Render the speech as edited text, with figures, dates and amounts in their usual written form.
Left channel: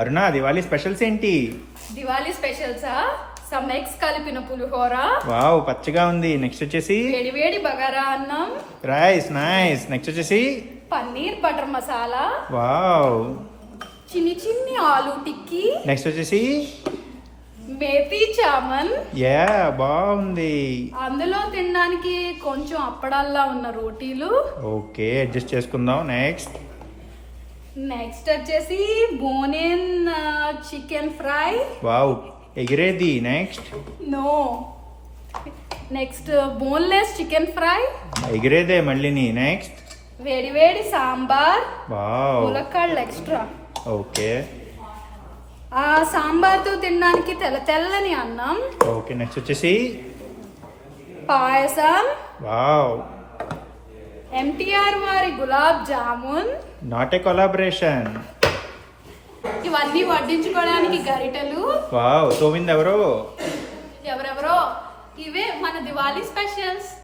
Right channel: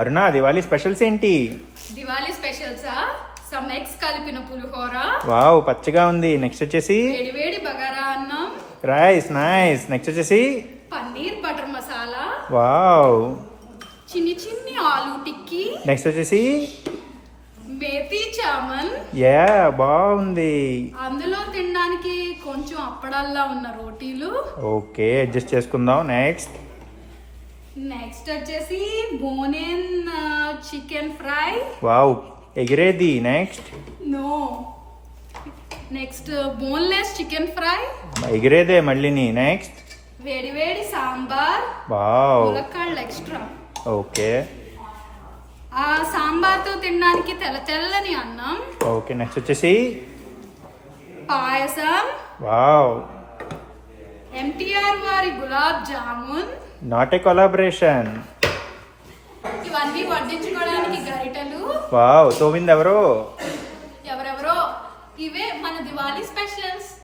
అరుణ Diwali specials ఏంటి? Diwali స్పెషల్సా? Some eggs కలిపిన పులిహోర, wow పచ్చగా ఉంది. నెక్స్ట్ వచ్చేసి వేడి వేడి బగారా అన్నం, రైస్ నైస్. నెక్స్ట్ వచ్చేసి పన్నీర్ బటర్ మసాలా, వావ్. చిన్ని చిన్ని ఆలు టిక్కీ, నెక్స్ట్ వచ్చేసి మేతి చామన్. యా బాగుంది. అందులో తినడానికి కొంచెం అప్పడాల్లా ఉన్న రోటీలు. ఓకే అడ్జస్ట్ చేసుకుందాం. నెక్స్ట్ నెక్స్ట్ వచ్చేసి బోనెన్ చికెన్ ఫ్రై. వావ్ ఎగిరేది. Next no, next boneless chicken fry, ఎగిరేదే మళ్ళీని. నెక్స్ట్ వేడి వేడి సాంబార్, వావ్ ములక్కాడలు ఎక్స్ట్రా. ఓకే ఆ సాంబార్తో తినడానికి తెల్ల తెల్లని అన్నం, ఓకే. నెక్స్ట్ వచ్చేసి పాయసం, వావ్ ఎంటీఆర్ వారి gulab jamun. Not a collaboration. ఇవన్నీ వడ్డించుకోవడానికి గరిటెలు. వావ్ తోమింది ఎవరో. ఎవరెవరో. ఇవే మన దివాళీ స్పెషల్స్.